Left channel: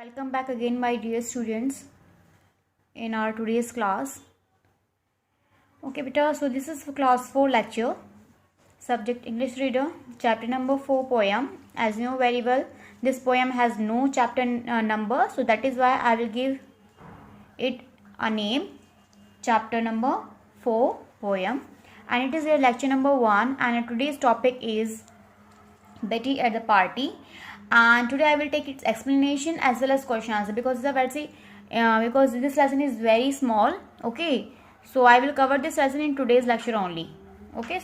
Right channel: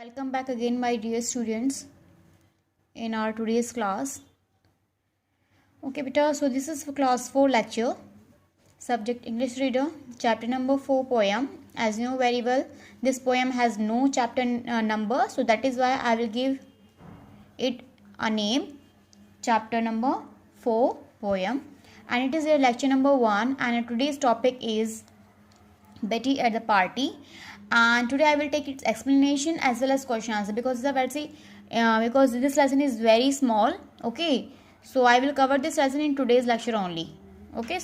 Welcome back again, my dear students, in our today's class. Okay, beta, so this is for class 4 lecture, subject English reader, chapter number 4 poem. As you know very well, this poem has no chapter number, so that is why I will give it a name, chapter number 4 poem, and it is your lecture number 1, and today's topic is Betty at the party. And today I will take its explanation as well as question answer because because this lesson is very small. Okay, so I will cover this lesson in today's lecture only. Okay,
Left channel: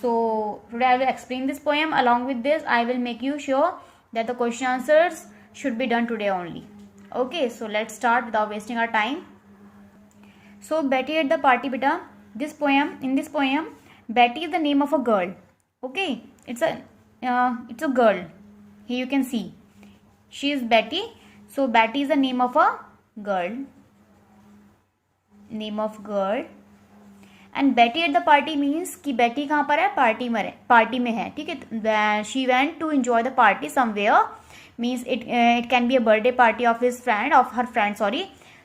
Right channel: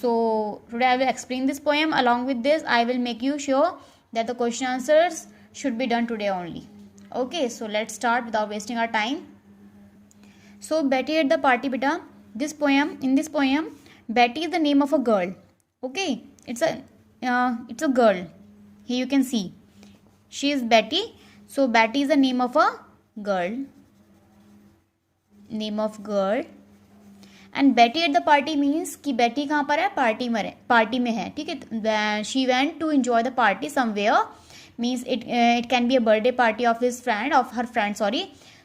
so today I will explain this poem. Along with this, I will make you sure that the question answers should be done today only. Okay, so let's start without wasting our time. So Betty at the party, beta. In this poem, Betty is the name of a girl. Okay, it's a girl. Here you can see she is Betty. So Betty is the name of a girl. And Betty at the party means कि Betty कहाँ पर है, party में है, ठीक है. She went to enjoy the party somewhere, means it can be a birthday party of her friend.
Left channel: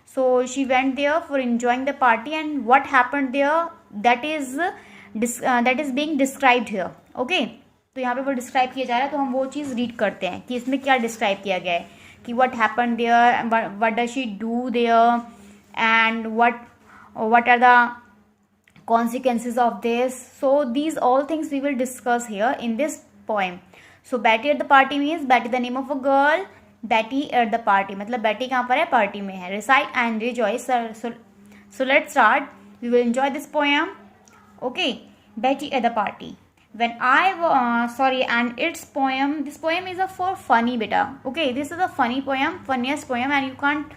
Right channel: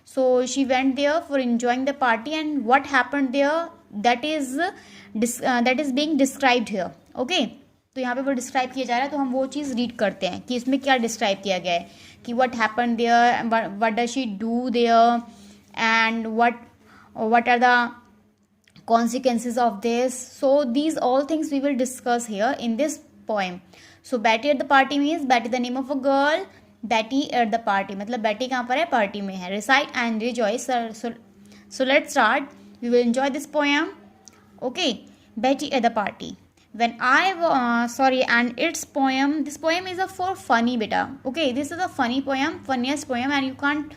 So she went there for enjoying the party, and what happened there, that is being described here. Okay, तो यहाँ पे वो describe किया जा रहा है, तो हम वो चीज़ रीड करते हैं कि इसमें क्या डिस्क्राइब किया गया है कि what happen there, what does she do there, and what are the consequences of this. So these all things we will discuss here in this poem. So Betty at the party means Betty the name of a girl, Betty at the party मतलब Betty कहाँ पर है, party में है. Recite and rejoice. So let's start. We will enjoy this poem. Okay, Betty at the party. And its poem, this poem is for funny beta. Okay, this is a funny poem, funniest poem, and you can't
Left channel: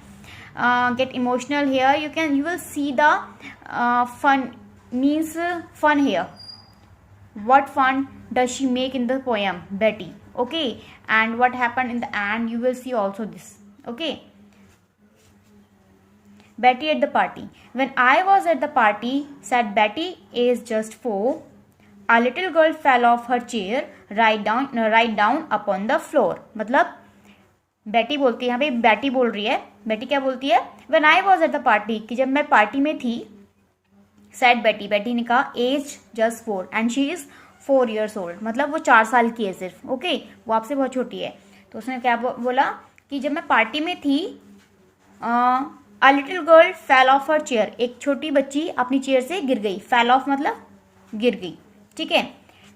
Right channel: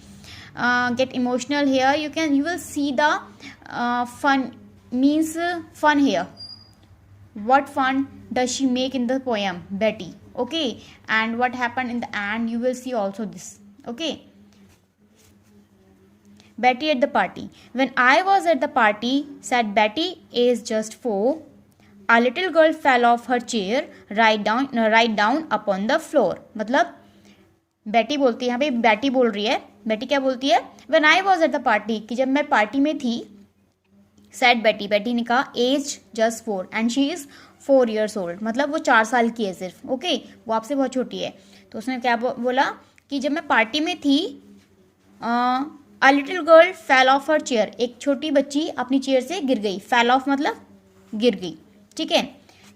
get emotional here. You will see the fun means fun here. What fun does she make in the poem, Betty? Okay, and what happened in the end, you will see also this. Okay, Betty at the party. When I was at the party, said Betty, age just 4, a little girl fell off her chair right down upon the floor. मतलब बेटी बोलती है, यहाँ पे बेटी बोल रही है. बेटी क्या बोलती है? When I was at the party, कि जब मैं पार्टी में थी. Said Betty, बेटी ने कहा age just 4 and she is 4 years old. मतलब वो 4 साल की है सिर्फ. ओके, वो आपसे बहुत छोटी है. तो उसने क्या बोला कि जब मैं पार्टी में थी, a little girl fell off her chair. एक छोटी बच्ची अपनी चेयर से गिर गई. Fell off मतलब गिर गई, ठीक है.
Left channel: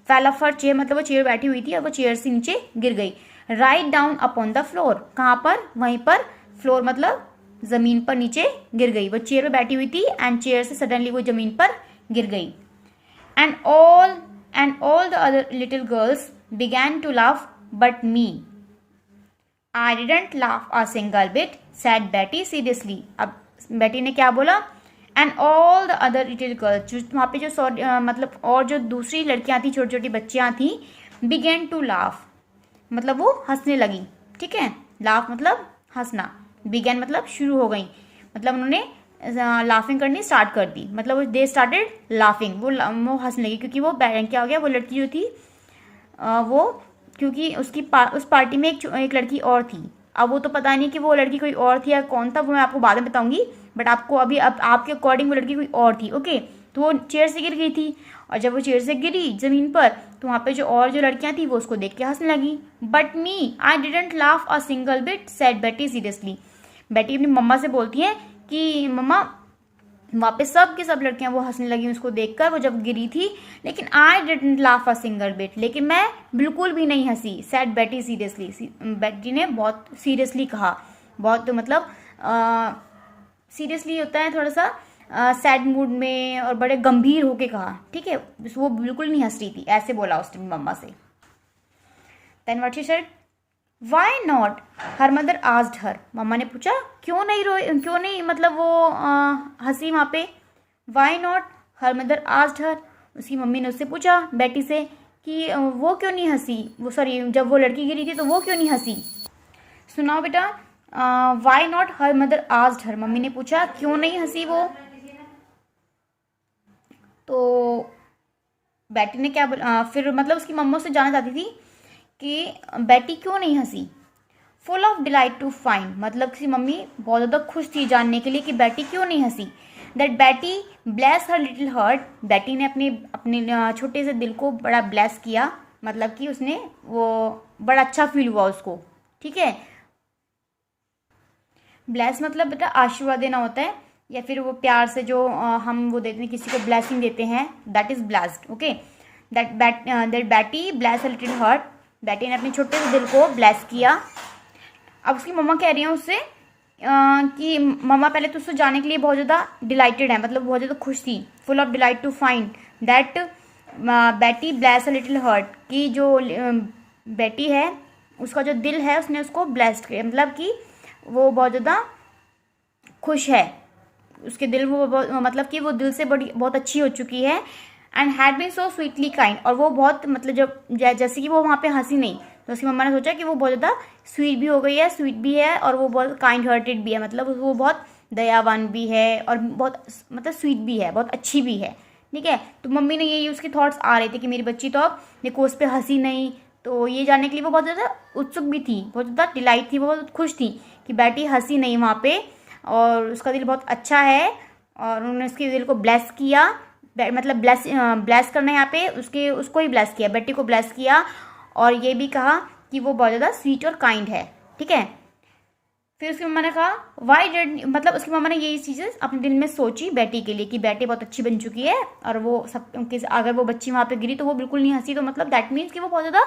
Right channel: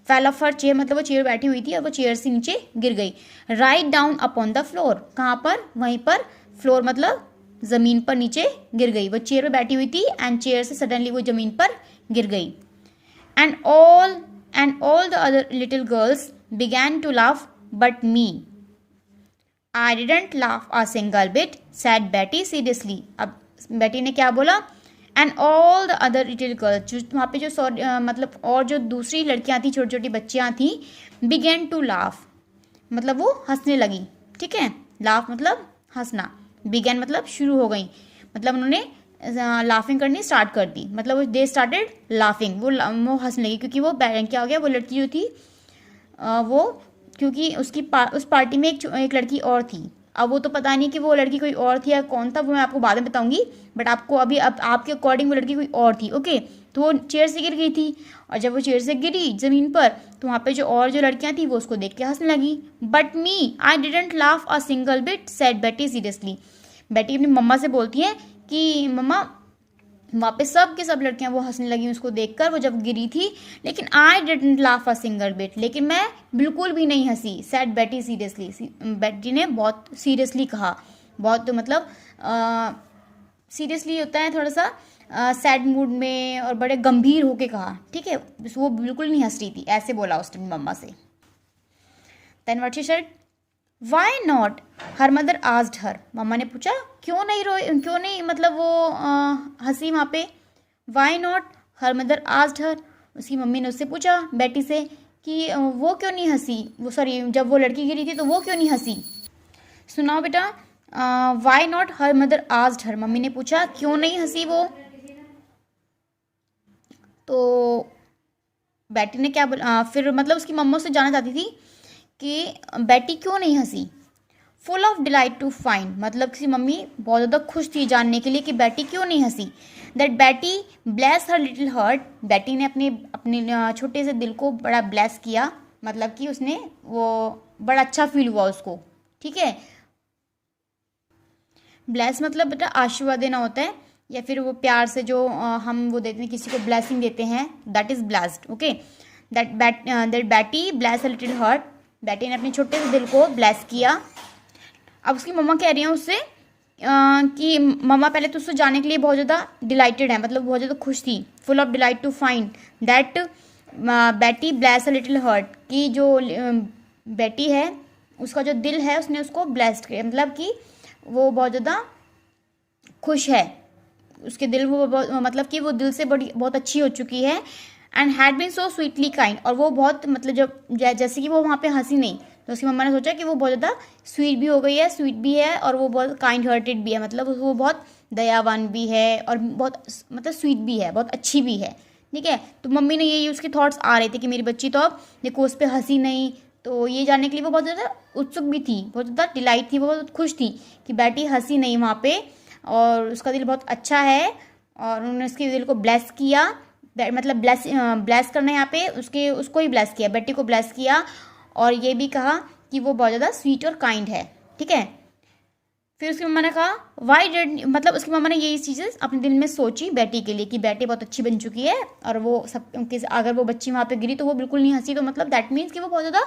फेल ऑफ हर चेयर मतलब वो चेयर बैठी हुई थी और वो चेयर से नीचे गिर गई. Write down upon the floor, कहाँ पर, वहीं पर. फ्लोर मतलब जमीन पर नीचे गिर गई. वो चेयर पे बैठी हुई थी एंड चेयर से सडनली वो जमीन पर गिर गई. And all the other little girls began to laugh but me. I didn't laugh a single bit, said Betty seriously. अब बेटी ने क्या बोला? And all the other little girls, वहाँ पे जो मतलब और जो दूसरी लड़कियाँ थी, छोटी छोटी बच्चियाँ थी, बिगेन टू लाफ मतलब वो हंसने लगी, ठीक है. लाफ मतलब हंसना, बिगेन मतलब शुरू हो गई, मतलब उन्होंने लाफिंग करनी स्टार्ट कर दी. मतलब दे स्टार्टेड लाफिंग, वो हंसने लगी क्योंकि वो क्या हो गया, वो लड़की जो थी वो क्योंकि उस पार्टी में एक लड़की और थी. अब वो तो पता नहीं कि वो लड़की कोई और थी या कौन था, वो मैं आपको बाद में बताऊंगी. बट आपको अभी अब आपके अकॉर्डिंग वो लड़की कोई और थी. ओके, तो वो चेयर से गिर गई थी और जब वो चेयर से गिरी ज़मीन पर तो वहाँ पे जो लड़कियाँ थी वो उसको देख के हंसने लगी. But me I didn't laugh a single bit, said Betty seriously. बेटी अपनी मम्मा से बोलती है कि मम्मा वहाँ पे सब की सब लड़कियाँ वो हंसने लगी उसको देखकर, वो जब गिरी थी. लेकिन आई didn't laugh a single bit, लेकिन मैं बिल्कुल भी नहीं हंसी. सेड बेटी सीरियसली, बेटी ने बहुत सीरियसली कहा. बहुत मतलब सीरियसली होता है थोड़ा सा सैड मूड में और बड़े गंभीर होके कहा, ठीक है. वो बिल्कुल नहीं हंस रही थी, ऐसे बोला उसने मम्मा से. Then what she said, why not, her mother asked her. मम्मा ने पूछा क्यों नहीं मतलब वो हंसी वहाँ पे. Why not, her mother asked her. उसकी मम्मी ने उससे पूछा बेटी से कि वो क्यों नहीं हंसी, जब वो लड़की गिरी थी तो वो क्यों नहीं हंसी. सुनाओ बेटा. Why not, her mother asked her. Mummy ने पूछा क्यों नहीं हंसी वो. तो बेटी ने क्या बोला, फिर मतलब उसकी मम्मा से जानना चाहती थी कि बेटी क्यों नहीं हंसी. Full of delight to find, मतलब कि मम्मी बहुत ज़्यादा खुश थी जानने के लिए कि बेटी क्यों नहीं हंसी। That Betty bless her little heart, बेटी ने अपने अपने छोटे से दिल को बड़ा ब्लेस किया, मतलब कि उसने वो बड़ा अच्छा फील हुआ उसको। ठीक है, ब्लेस मतलब बेटा आशीर्वाद देना होता है, या फिर वो प्यार से जो हम वो देते हैं किसी को ब्लेसिंग देते हैं, that is blessed. Okay, that Betty bless a little heart, बेटी ने अपने छोटे से दिल को ब्लेस किया। अब उसकी मम्मा कह रही हैं उससे कि मम्मा पहले तो उससे जाने के लिए बहुत ज़्यादा डिलाइटेड है, मतलब बहुत ज़्यादा खुश थी, full of delight to find that Betty bless a little heart, की जो बेटी है उसका जो दिल है उसने उसको ब्लेस्ड किया, मतलब कि वो बहुत ज़्यादा खुश है, उसके दिल वो मतलब कि वो दिल से बड़ी बहुत अच्छी हो चुकी है। And had been so sweetly kind, और वो बहुत मतलब जब जैसे कि वो वहाँ पे हंसी नहीं, तो उसकी मम्मा ने सोचा कि वो बहुत ज़्यादा स्वीट भी हो गई है, स्वीट भी है, और वो बहुत काइंड हार्टेड भी है, मतलब वो बहुत दयावान भी है और बहुत मतलब स्वीट भी है, बहुत अच्छी भी है। ठीक है, तो मम्मी ने यही उसके थॉट्स आ रहे थे कि मेरी बच्ची तो अब देखो उस पर हंसी नहीं, तो ये जानने के लिए वो बहुत ज़्यादा उत्सुक भी थी, बहुत ज़्यादा डिलाइट थी, वो बहुत खुश थी कि बेटी हंसी नहीं वहाँ पे, और उसका दिल बहुत अच्छा है, और उन्होंने उसके दिल को ब्लेस किया, मतलब ब्लेस करना यहाँ पे उसके उसको ही ब्लेस किया, बेटी को ब्लेस किया, और ये भी कहा कि वो बहुत ज़्यादा स्वीट और काइंड है। ठीक है, फिर उसकी मम्मा ने कहा वाई डिड, मतलब उसकी मम्मा ने यही चीज़ें अपने दिल में सोची बेटी के लिए कि बेटी बहुत अच्छी बन चुकी है, और वो सब अगर वो बच्ची वहाँ पे गिरी तो वो बिल्कुल नहीं हंसी, तो मतलब दैट मीन्स कि वो बहुत ज़्यादा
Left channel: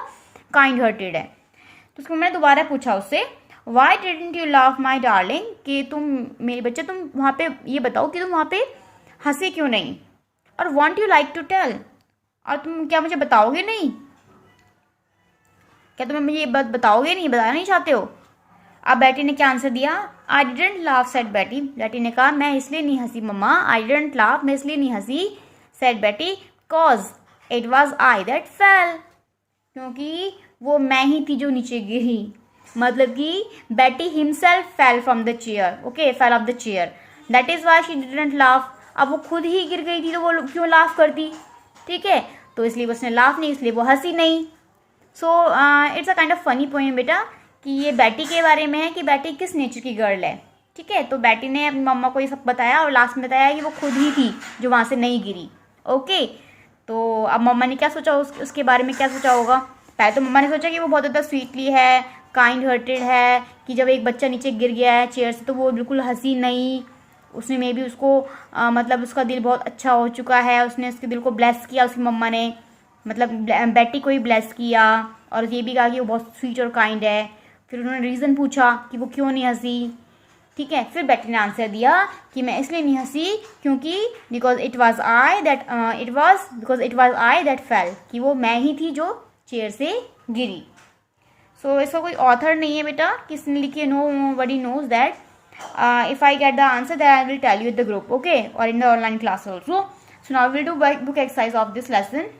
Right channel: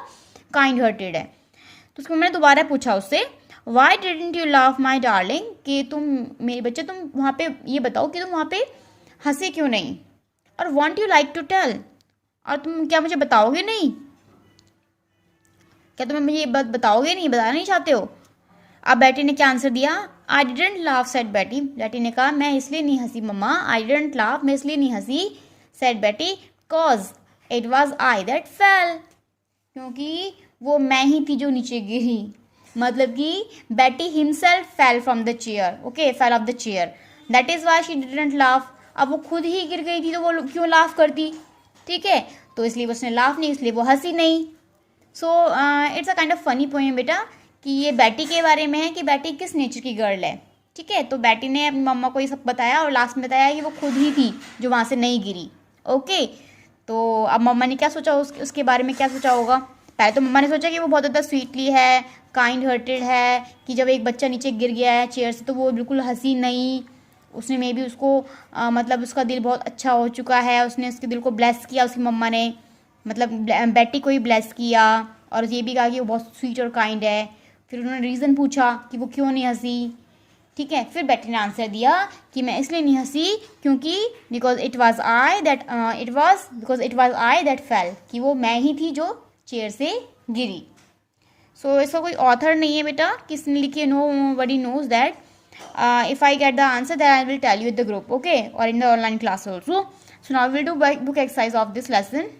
काइंड हार्टेड है। तो उसकी मम्मा ने दोबारा पूछा उससे Y didn't you laugh my darling, कि तुम मेरे बच्चे तुम वहाँ पे ये बताओ कि तुम वहाँ पे हंसे क्यों नहीं, और won't you like to tell, और तुम क्या मुझे बताओगे नहीं, क्या तुम मुझे ये बात बताओगे नहीं, बताना नहीं चाहते हो। अब बेटी ने क्या आंसर दिया, आई डिडेंट लाफ सेड बेटी, बेटी ने कहा मैं इसलिए नहीं हंसी मम्मा, आई डिडेंट लाफ मैं इसलिए नहीं हंसी, सेड बेटी cause it was I that fell, क्योंकि वो मैं ही थी जो नीचे गिरी, मतलब कि बेटी himself fell from the chair, okay fell off the chair, that is why she didn't laugh, अब वो खुद ही गिर गई थी तो वो क्यों लाफ करती। ठीक है, तो इसलिए उसने लाफ नहीं, इसलिए वो हंसी नहीं। So it's a kind of funny poem बेटा, कि ये बेटी के बारे में है कि बेटी किस नेचर की गर्ल है। ठीक है, तो बेटी ने अपनी मम्मा को ये सब बताया, और लास्ट में बताया कि वो खुद ही थी जो वहाँ से नहीं गिरी। ओके, तो अब मम्मा ने क्या सोचा उसके बारे में क्या सोचा होगा, पहले तो मम्मा ने सोचा कि वो बहुत ज़्यादा स्वीटली है, काइंड हार्टेड है, कि जब एक बच्चा नीचे गिर गया है चेयर से तो वो बिल्कुल हंसी नहीं, उसने मे बी उसको मतलब उसका दिल बहुत अच्छा हो चुका है, उसने उसके दिल को ब्लेस किया उसकी मम्मा ने, मतलब बेटी को ही ब्लेस किया, और ये भी कहा कि वो बहुत स्वीट और काइंड है। फिर उन्होंने रीज़न पूछा कि वो क्यों नहीं हंसी। ठीक है, फिर बेटी ने आंसर दिया कि मैं इसलिए नहीं हंसी क्योंकि because it was I that fell, कि वो मैं ही थी जो चेयर से गिरी। सो इसका कोई ऑथर नहीं है बेटा, किसने लिखी है, nobody knows that. If I get the answer that I will tell you the group, okay, और in the online class also. So now will do book exercise of this lesson.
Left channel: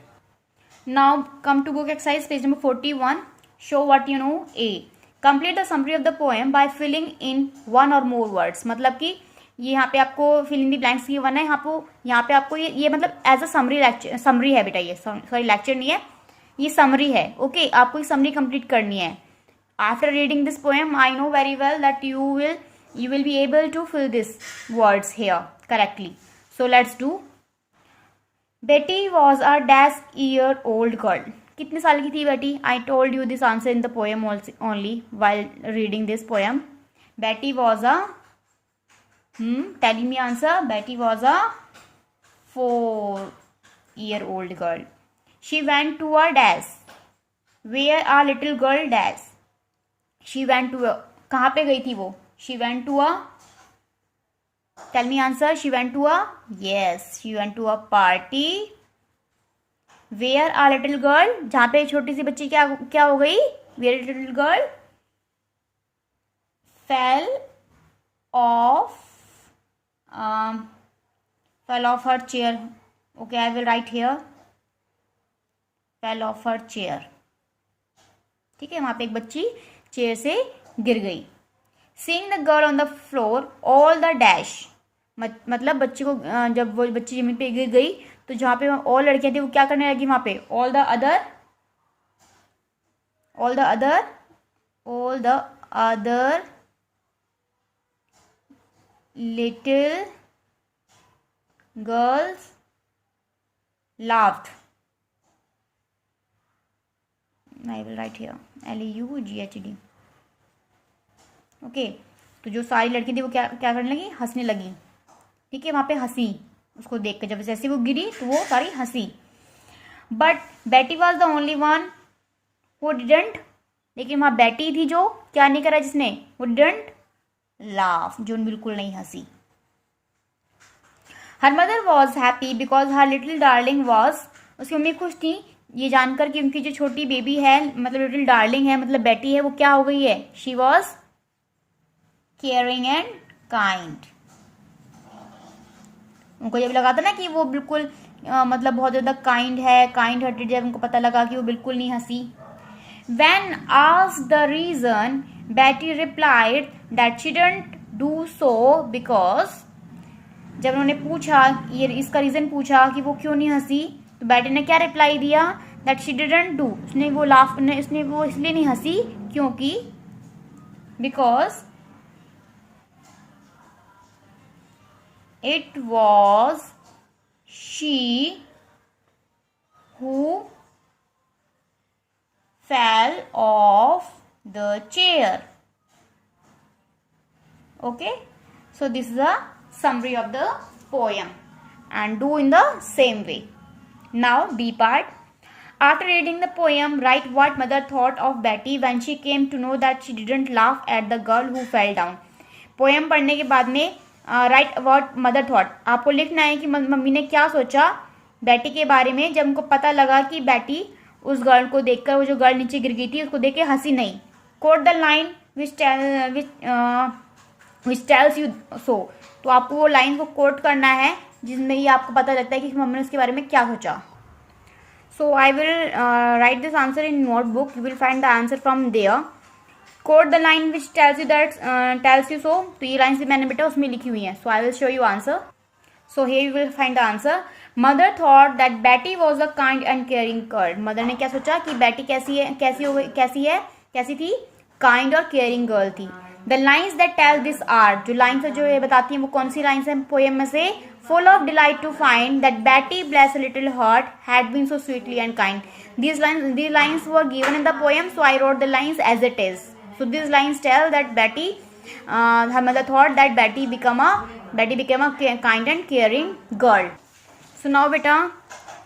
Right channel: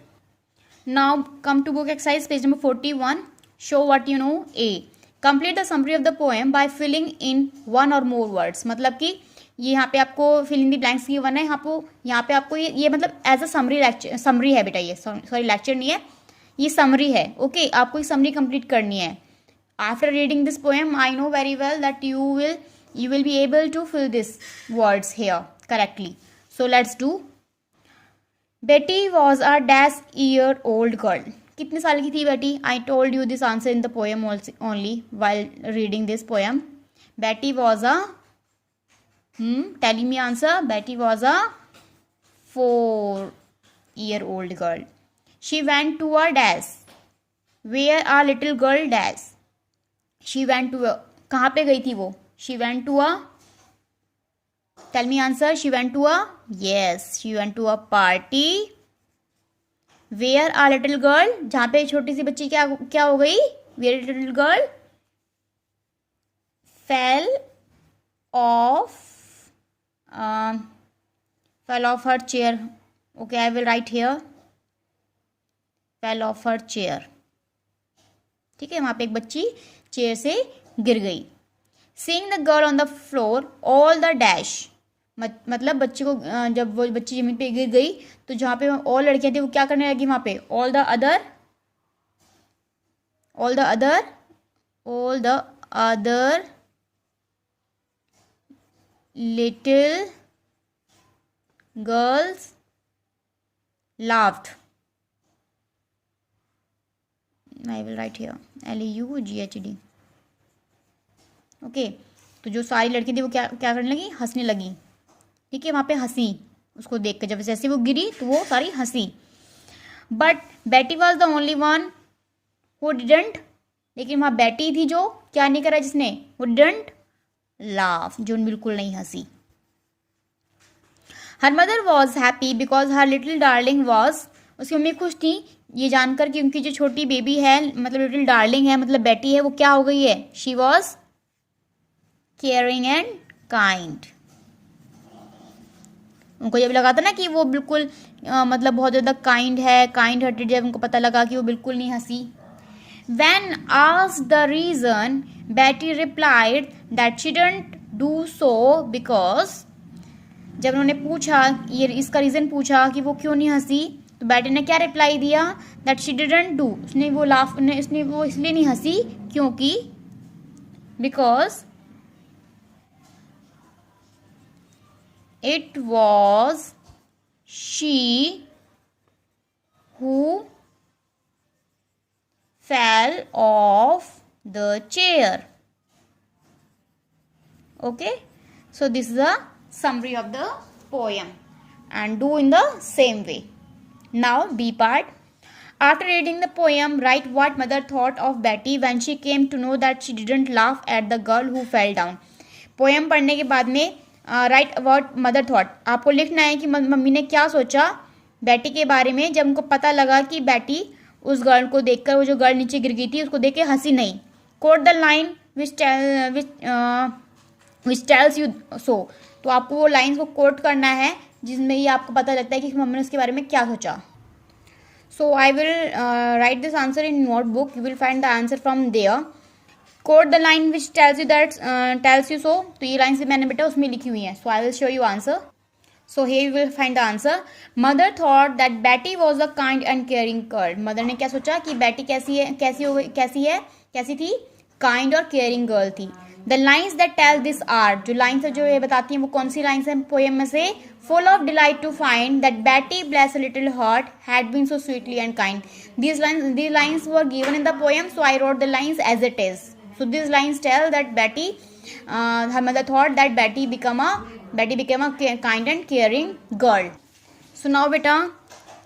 Now come to book exercise page number 41. Show what you know. A. Complete the summary of the poem by filling in one or more words. मतलब कि ये यहाँ पे आपको fill in the blanks की one है, यहाँ पे आपको ये मतलब एज अ समरी है बेटा, ये सॉरी लेक्चर नहीं है, ये समरी है। ओके, आपको ये समरी कंप्लीट करनी है। After reading this poem I know very well that you will be able to fill this words here correctly. So let's do. Betty was a dash year old girl, कितने साल की थी Betty, I told you this answer in the poem only while reading this poem. Betty was a telling me answer, Betty was a 4-year old girl. She went to a dash where a little girl dash. She went to a, कहाँ पे गई थी वो, she went to a, tell me answer, she went to a, yes, she went to a party where a little girl, जहाँ पे छोटी सी बच्ची क्या क्या हो गई, where a little girl fell off her chair. Okay, I will write here fell off her chair. ठीक है, वहाँ पे एक बच्ची चेयर से गिर गई। Seeing the girl on the floor, all the dash, मतलब बच्ची को जब वो बच्ची जमीन पे गिर गई तो जहाँ पे और लड़कियां थी वो क्या करने लगी वहाँ पे, all the other little girls laughed. I will write here LAUGHD. Okay, तो जो सारी लड़की थी वो क्या क्या करने लगी, हंसने लगी। ठीक है, वहाँ पे हंसी उसको देख कर, जब जैसे वो गिरी तो वो सारी हंसी। बट बेटी was the only one who didn't, लेकिन वहाँ बेटी थी जो क्या नहीं करा, जिसने वो डिडंट लाफ, जो बिल्कुल नहीं हंसी। Her mother was happy because her little darling was, उसकी मम्मी खुश थी ये जानकर कि उनकी जो छोटी बेबी है, मतलब लिटिल डार्लिंग है, मतलब बेटी है, वो क्या हो गई है, she was caring and kind. उनको जब लगा था ना कि वो बिल्कुल मतलब बहुत ज़्यादा काइंड है, काइंड हार्टेड, जब उनको पता लगा कि वो बिल्कुल नहीं हंसी। When asked the reason, Betty replied that she didn't do so because, जब उन्होंने पूछा ये इसका रीज़न पूछा कि वो क्यों नहीं हंसी, तो बेटी ने क्या रिप्लाई दिया, that she didn't do, उसने वो इसलिए नहीं हंसी क्योंकि because it was she who fell off the chair. Okay, so this is a summary of the poem and do in the same way. Now B part. After reading the poem, write what mother thought of Betty when she came to know that she didn't laugh at the girl who fell down. Poem पढ़ने के बाद में right what mother thought, आपको लिखना है कि mummy ने क्या सोचा बेटी के बारे में जब उनको पता लगा कि बेटी उस गर्ल को देखकर, वो जो गर्ल नीचे गिर गई थी उसको देख के हंसी नहीं। Quote the line which tells you so, तो आपको वो लाइन को कोट करना है जिसमें ही आपको पता लगता है कि मम्मी ने उसके बारे में क्या सोचा। So I will write this answer in notebook, you will find the answer from there. Quote the line which tells you that tells you so, तो ये लाइन मैंने बेटा उसमें लिखी हुई है। So I will show you answer. So here you will find the answer. Mother thought that Betty was a kind and caring girl. Mother ने क्या सोचा कि बेटी कैसी थी, kind और caring girl थी। The lines that tell this are, जो lines जो ये बताती हैं वो कौन सी lines हैं पोएम में से, full of delight to find that Betty, bless her little heart, had been so sweetly and kind. These lines were given in the poem, so I wrote the lines as it is. So these lines tell that Betty, her mother thought that Betty became a kind and caring girl. So now beta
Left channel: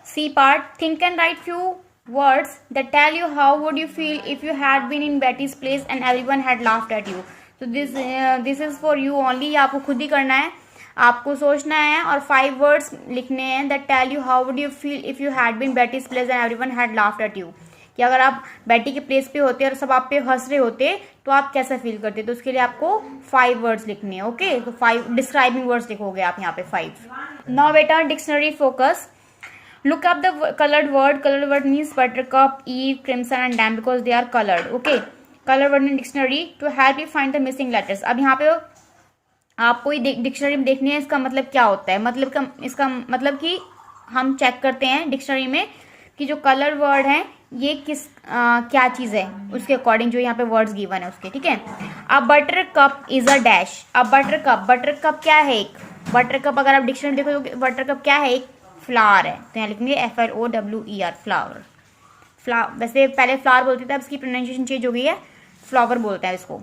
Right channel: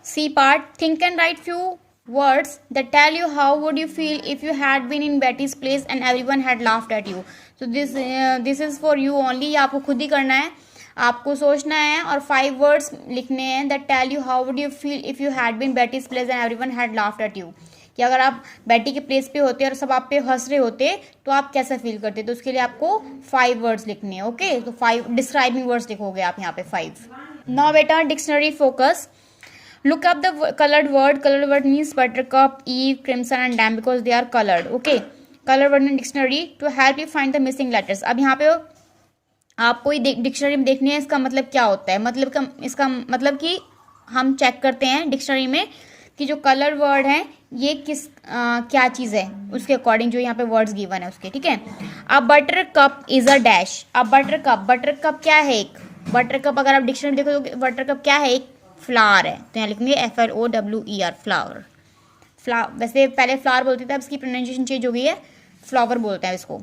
C part, think and write few words that tell you how would you feel if you had been in Betty's place and everyone had laughed at you. So this is for you only, आपको खुद ही करना है, आपको सोचना है और 5 words लिखने हैं that tell you how would you feel if you had been Betty's place and everyone had laughed at you. कि अगर आप बेटी के प्लेस पे होते और सब आप पे हंस रहे होते तो आप कैसा फील करते, तो उसके लिए आपको 5 वर्ड्स लिखने हैं। ओके, तो 5 डिस्क्राइबिंग वर्ड्स लिखोगे आप यहाँ पे 5। नाउ बेटा dictionary focus, look up the coloured word means buttercup, ewe, crimson and dam because they are coloured. Okay, colour word in dictionary to help you find the missing letters. अब यहाँ पे आपको dictionary में देखनी है इसका मतलब क्या होता है, इसका मतलब कि हम चेक करते हैं डिक्शनरी में कि जो कलर वर्ड है ये क्या चीज़ है, उसके अकॉर्डिंग जो यहाँ पे वर्ड्स गिवन है उसके। ठीक है, अब butter cup is a dash. अब बटर कप क्या है, एक बटर कप, अगर आप डिक्शनरी देखो तो बटर कप क्या है, एक फ्लावर है, तो यहाँ लिखेंगे FLOWER फ्लावर। वैसे पहले फ्लावर बोलते थे, अब इसकी प्रोनाउंसिएशन चेंज हो गई है, फ्लावर बोलते हैं इसको।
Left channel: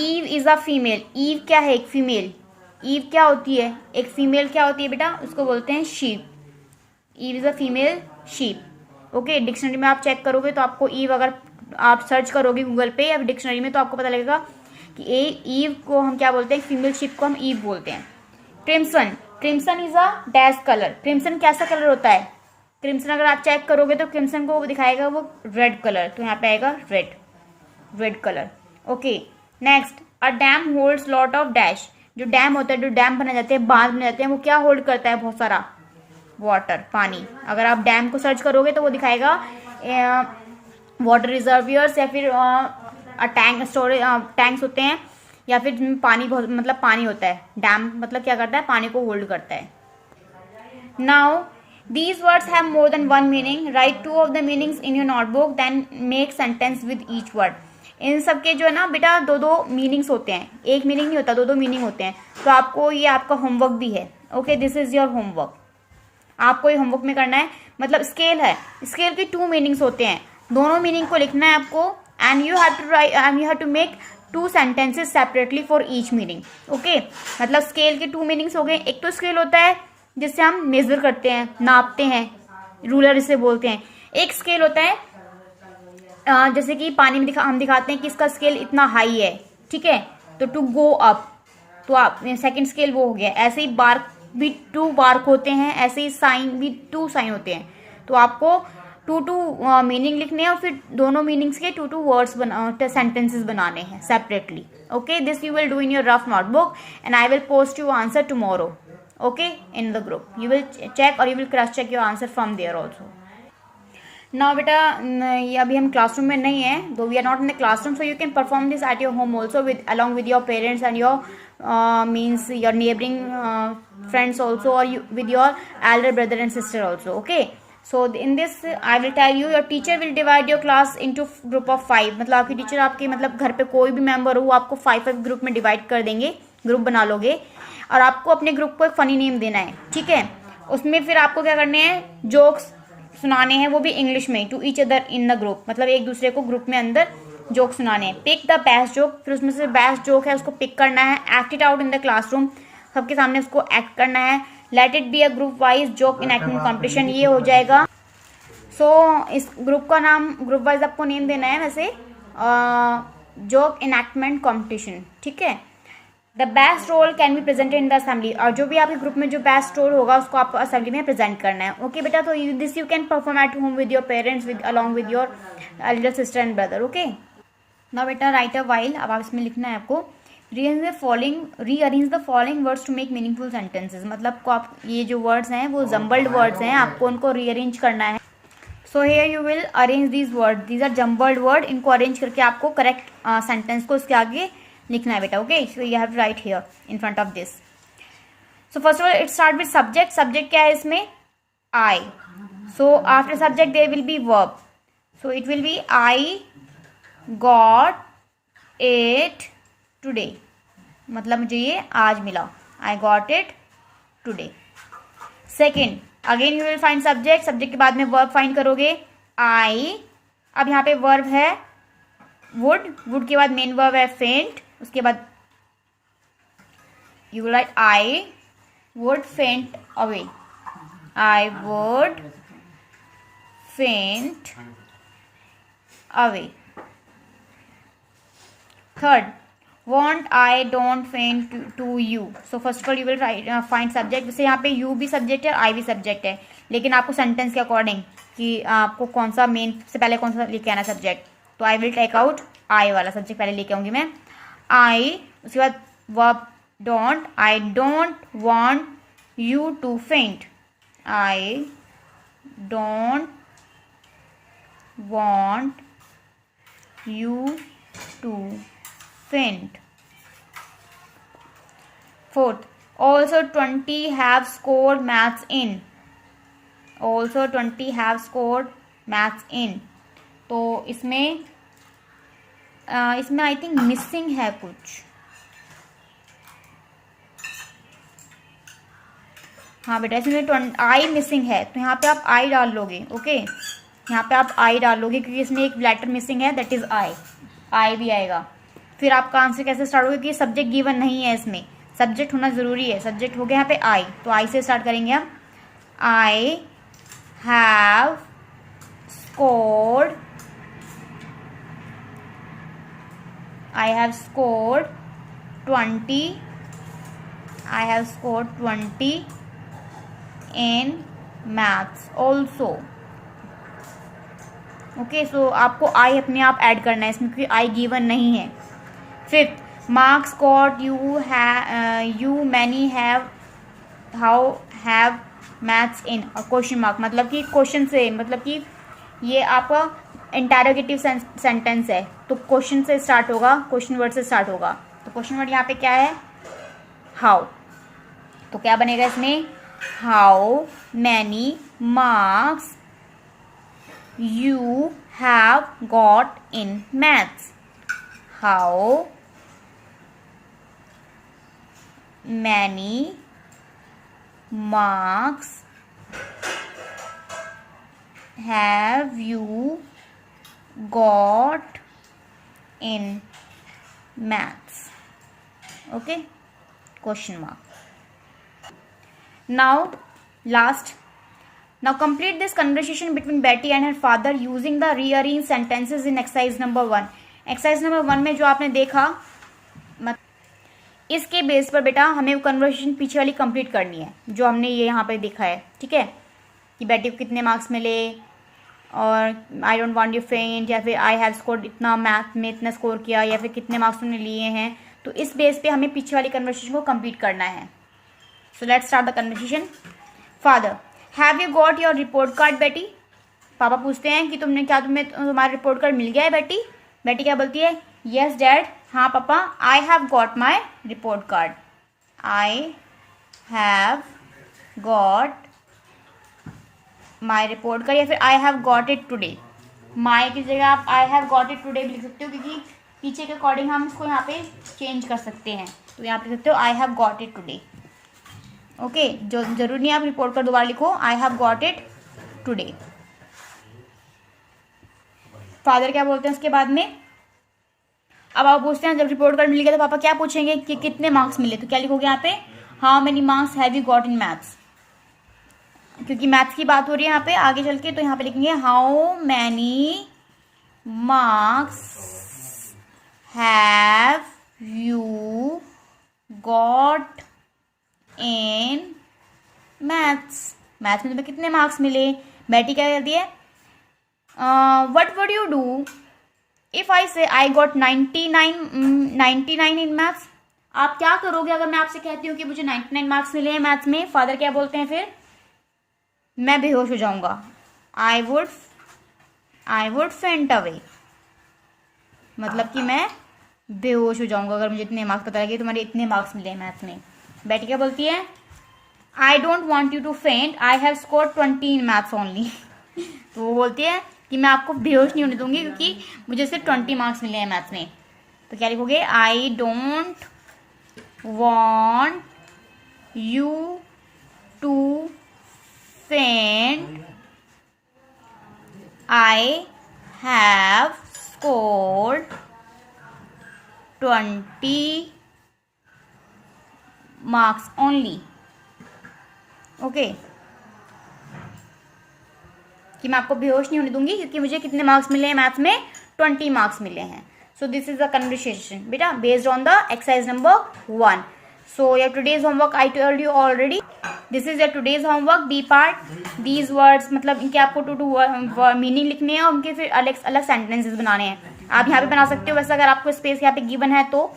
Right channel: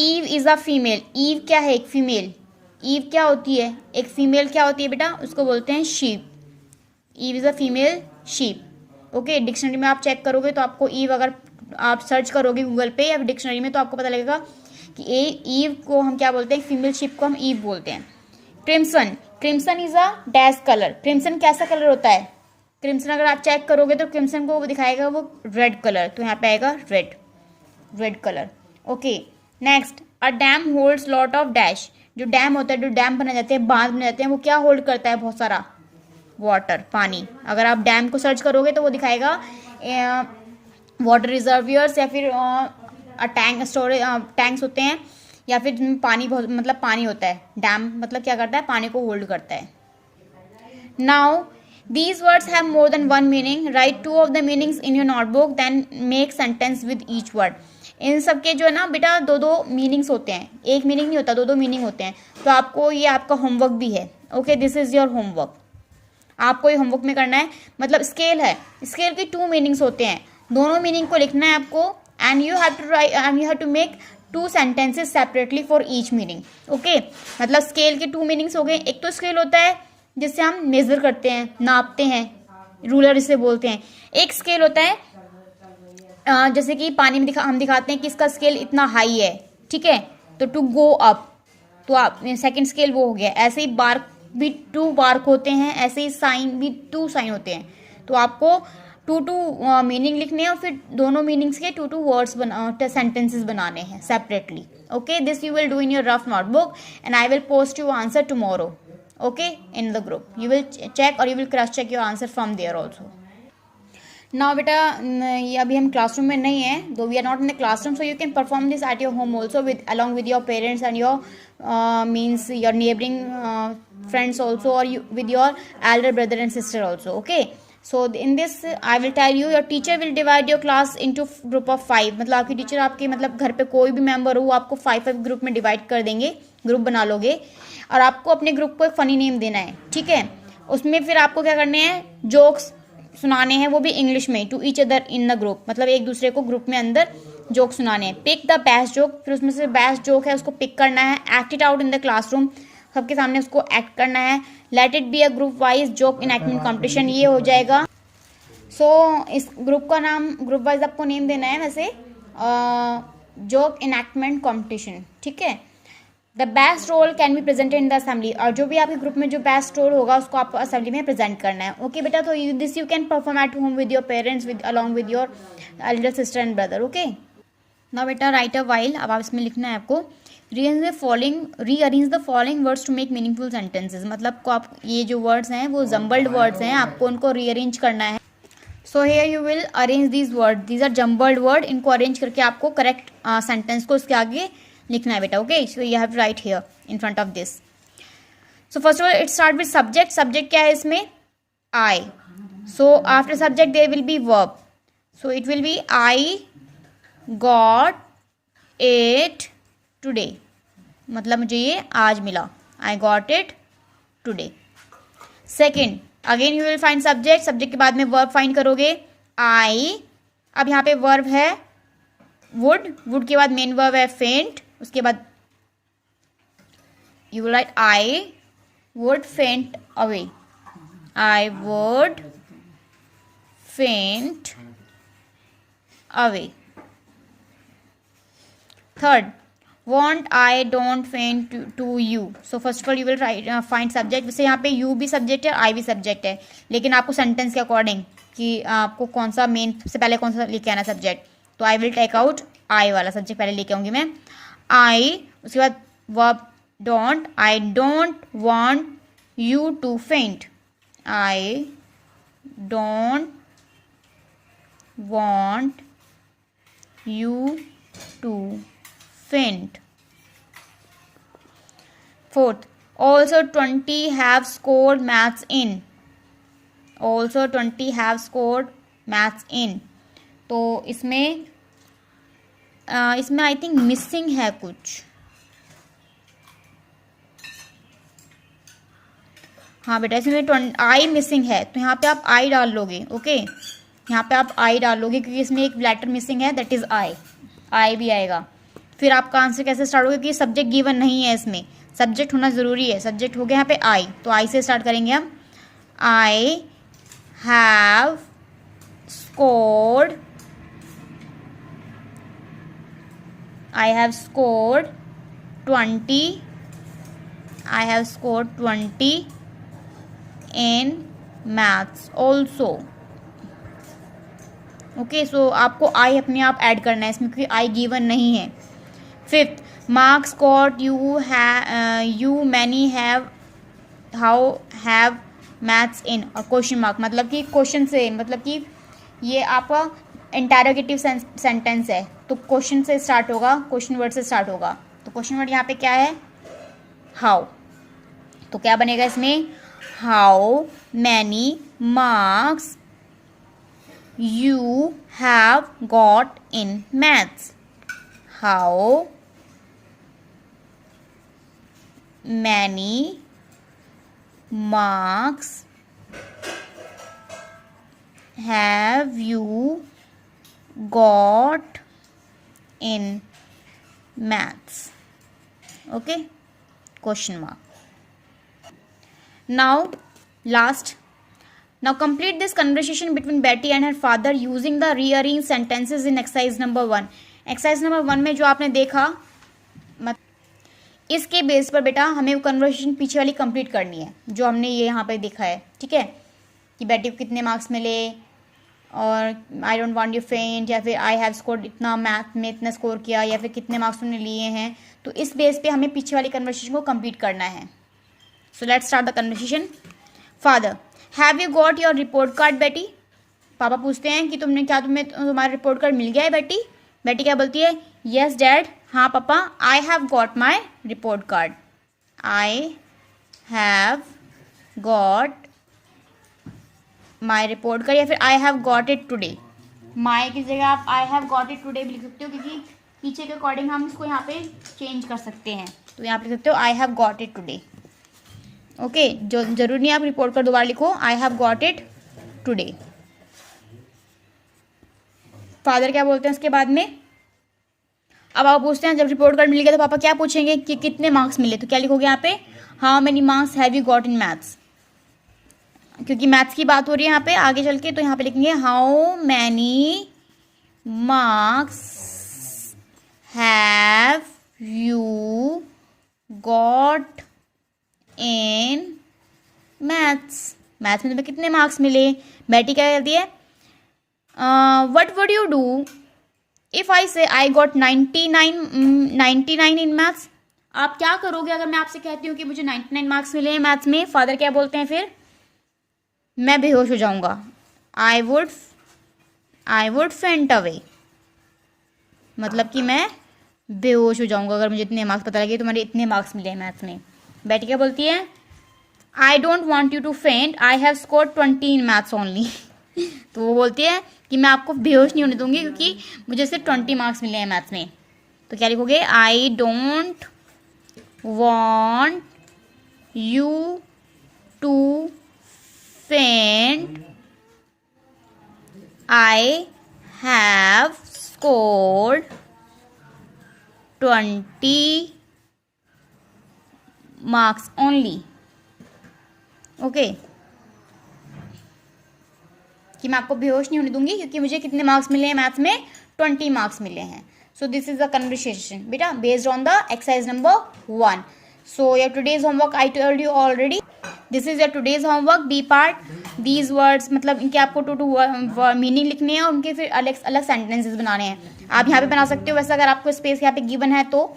Ewe is a female, ewe क्या है, एक फीमेल। ईव क्या होती है, एक फीमेल क्या होती है बेटा, उसको बोलते हैं sheep. Ewe is a female sheep. Okay, dictionary में आप चेक करोगे तो आपको ईव, अगर आप सर्च करोगे गूगल पे या डिक्शनरी में तो आपको पता लगेगा कि ईव को हम क्या बोलते हैं, फीमेल शिप को हम ईव बोलते हैं। Crimson is a dash colour. Crimson कैसा कलर होता है, क्रिम्सन अगर आप चेक करोगे तो क्रिम्सन को दिखाएगा वो रेड कलर, तो यहाँ पे आएगा red colour. Okay, next, a dam holds lot of dash. जो डैम होता है, जो डैम बना जाते हैं, बांध बना जाते हैं, वो क्या होल्ड करता है, बहुत सारा वाटर, पानी। अगर आप डैम को सर्च करोगे तो वो दिखाएगा वाटर रिजर्वियर्स या फिर टैंक स्टोरेज टैंक्स होते हैं, या फिर जिनमें पानी बहुत मतलब पानी होता है। डैम मतलब क्या करता है, पानी को होल्ड करता है। Now these words have more than one meaning, right 2 of the meanings in your notebook, then make sentence with each word। इन सब के जो है ना बेटा दो दो मीनिंग्स होते हैं, एक मीनिंग नहीं होता, दो दो मीनिंग होते हैं। तो आपको ये आपका होमवर्क भी है। Okay, this is your homework. आपको ये होमवर्क में करना है, मतलब स्केल है, स्केल की 2 मीनिंग्स होते हैं, दोनों मीनिंग को लिखना है आपको। And you have to write and you have to make 2 sentences separately for each meaning. Okay, मतलब स्केल के 2 मीनिंग्स हो गए। एक तो स्केल होता है जिससे हम मेजर करते हैं, नापते हैं, रूलर इसे बोलते हैं। एक स्केल होता है जैसे कि पानी में हम दिखाते हैं कि इसका स्केल इतना हाई है, ठीक है, तो टू गो अप, तो आप सेकंड स्केल वो हो गया। ऐसे ही बार्क भी 2 बार्क होते हैं, ऐसे ही साइन भी 2 साइन होते हैं। तो आपको 2 मीनिंग लिखने हैं और फिर दोनों मीनिंग्स के 2 वर्ड्स सेंटेंसेस बनाने हैं separately. Okay, this you will do in your rough notebook and I will post you answer tomorrow. Okay, in the group you will check और you will cross check your answer from there also. ना बेटा ये अभी हम classroom में नहीं है, though we are not in the classroom, so you can perform this at your home also with along with your parents and your means your neighboring friends also, or you, with your elder brother and sister also. Okay, so in this I will tell you, your teacher will divide your class into group of 5। मतलब आपकी teacher आपके मतलब घर पे कोई भी member हो वो आपको 5 ग्रुप में डिवाइड कर देंगे, ग्रुप बना लोगे और आपको अपने ग्रुप को एक फनी नेम देना है, ठीक है। उसमें फिर आपको क्या करने हैं, जोक्स सुनाने हैं, वो भी इंग्लिश में, to each other in the group, मतलब एक दूसरे को ग्रुप में अंदर जोक सुनाने हैं। पिक द बेस्ट जोक, फिर उसमें से बेस्ट जोक है उसको पिक करना है। Act it out in the classroom, सबके सामने उसको एक्ट करना है। Let it be a group wise joke enactment competition, ये हो जाएगा। सो इस ग्रुप का नाम, ग्रुप वाइज आपको नेम देना है वैसे, जोक इनएक्टमेंट कॉम्पिटिशन, ठीक है। The best role can be presented in the assembly, और जो भी आपके ग्रुप में जो बेस्ट रोल होगा उसको आपको असेंबली में प्रेजेंट करना है। ओके बेटा, तो this you can perform at home with your parents, with along with your Elder sister and brother. Okay, ना बेटा राइट अ वाइल, अब आप इसमें लिखना है आपको rearrange the following words to make meaningful sentences. मतलब को आप ये जो वर्ड्स हैं वो जम्बल्ड वर्ड्स हैं, आपको उनको रीअरेंज करना है। So here you will arrange these word, these are jumbled word, इनको अरेंज करके आपको करेक्ट सेंटेंस को उसके आगे लिखना है बेटा। Okay, so you have write here in front of this. So first of all it start with subject. Subject क्या है इसमें, I. So after subject there will be verb, so it will be I got it today, मतलब मुझे ये आज मिला, I got it today. Second, again you will find subject, subject के बाद में वर्ब फाइंड करोगे, आई। अब यहाँ पे वर्ब है वुड, वुड के बाद मेन वर्ब है फेंट, उसके बाद you will right I would फेंट अवे, आई वुड फेंट away. Third, want I don't faint to you. So first of all you will write find subject। जैसे यहाँ पे you भी सब्जेक्ट है, I भी सब्जेक्ट है, लेकिन आपको सेंटेंस के अकॉर्डिंग कि आपको कौन सा मेन से पहले कौन सा लेके आना सब्जेक्ट, तो I will take out I वाला सब्जेक्ट पहले लेके आऊँगी मैं, I। उसके बाद verb don't, I don't want you to faint, I don't want you to faint। Fourth, also 20 have scored maths in, also 20 have scored maths in। तो इसमें I think missing है कुछ, हाँ बेटा इसमें आई मिसिंग है, तो यहाँ पे आप आई डाल लोगे। ओके, यहाँ पे आप आई डाल लोगे क्योंकि इसमें एक लेटर मिसिंग है, दैट इज आई भी आएगा। फिर आपका आंसर कैसे स्टार्ट होगा कि सब्जेक्ट गिवन नहीं है, इसमें सब्जेक्ट होना ज़रूरी है। सब्जेक्ट हो गया यहाँ पे आई, तो आई से स्टार्ट करेंगे हम। I have scored, I have scored 20, I have scored 20 in maths also. Okay, so आपको आई अपने आप ऐड करना है इसमें क्योंकि आई गिवन नहीं है। Fifth, marks got you many have how have maths इन, और क्वेश्चन मार्क, मतलब कि क्वेश्चन से, मतलब कि ये आपका इंटरोगेटिव सेंटेंस है, तो क्वेश्चन से स्टार्ट होगा, क्वेश्चन वर्ड से स्टार्ट होगा। तो क्वेश्चन वर्ड यहाँ पे क्या है, हाउ, तो क्या बनेगा इसमें, how many marks you have got in maths। How many marks have you got in maths? Okay, question mark. Now, last. Now complete this conversation between Betty and her father using the rearranged sentences in exercise number 1. Exercise number 1 में जो आपने देखा, इसके base पर बेटा हमें conversation पीछे वाली कंप्लीट करनी है जो हमने ये यहाँ पर देखा है. ठीक है, कि बेटी को कितने मार्क्स मिले, और आई डोंट वांट यू फेंट, या फिर आई हैव स्कोर्ड इतना, मैथ में इतना स्कोर किया, या फिर कितने मार्क्स उन्होंने लिए हैं. तो इस बेस पे हमें पीछे वाली कन्वर्सेशन को कंप्लीट करना है. So let's start the conversation. Father, have you got your report card, Betty? पापा पूछते हैं कि तुम्हारा रिपोर्ट कार्ड मिल गया है बेटी? बेटी क्या बोलती है? Yes Dad. हाँ पापा, I have got my report card. I have got my report card, या फिर I have got it today. my की जगह आप I have got it today भी लिख सकते हो, क्योंकि पीछे के अकॉर्डिंग हम इसको यहाँ पे चेंज कर सकते हैं. तो यहाँ पे लिख सकते हो I have got it today. Okay, जो जरूरी नहीं आप रिपोर्ट कर दोबारा लिखो, I have got it today. Father क्या बोलते हैं उसके बाद में? अब आप पूछते हैं जब रिपोर्ट कार्ड मिल गया तो पापा क्या पूछेंगे कि कितने मार्क्स मिले. तो क्या लिखोगे यहाँ पे? How many marks have you got in maths, क्योंकि मैथ्स की बात हो रही है यहाँ पे आगे चल के. तो यहाँ पे लिखेंगे how many marks have you got in maths. Maths में तुम्हें कितने मार्क्स मिले. बेटी क्या कहती है? What would you do if I से आई गॉट 99 इन मैथ्स? आप क्या करोगे अगर मैं आपसे कहती हूँ कि मुझे 99 मार्क्स मिले हैं मैथ्स में? फादर क्या बोलते हैं फिर? मैं बेहोश हो जाऊंगा. आई वुड फेंट अवे, मतलब कि मैं बेहोश हो जाऊंगा अगर मुझे इतने मार्क्स पता लगे तुम्हारे इतने मार्क्स मिले हैं मैथ्स में. बेटी क्या बोलती है? I don't want you to faint, I have score 20 in maths only. तो वो बोलती है कि मैं आपको बेहोश नहीं होने दूंगी क्योंकि मुझे सिर्फ 20 मार्क्स मिले हैं मैथ्स में. तो क्या लिखोगे? I don't want you to faint, I have scored 20 marks only. Okay, कि मैं आपको बेहोश नहीं होने दूंगी क्योंकि मुझे कितने मार्क्स मिले हैं मैथ्स में? 20 मार्क्स मिले हैं. So this is the conversation बेटा based on the exercise number 1. So your today's homework I told you already. This is your today's homework B part. These words मतलब इनके आपको टू मीनिंग लिखने हैं और उनके फिर अलग अलग सेंटेंसेस बनाने हैं. आप यहाँ पे बना सकते हो, वैसे अगर आपको स्पेस यहाँ पे गिवन है तो.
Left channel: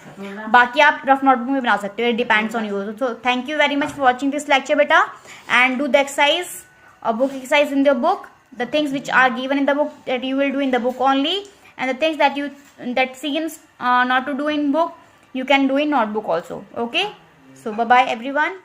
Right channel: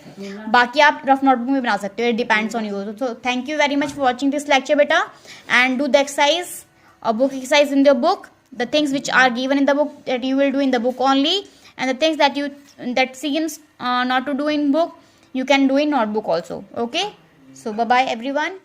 बाकी आप रफ नोटबुक में बना सकते हो, it depends on you. So thank you very much for watching this lecture बेटा, and do the exercise or book exercise in the book, the things which are given in the book that you will do in the book only, and the things that seems not to do in book you can do in notebook also. Okay, so bye bye everyone.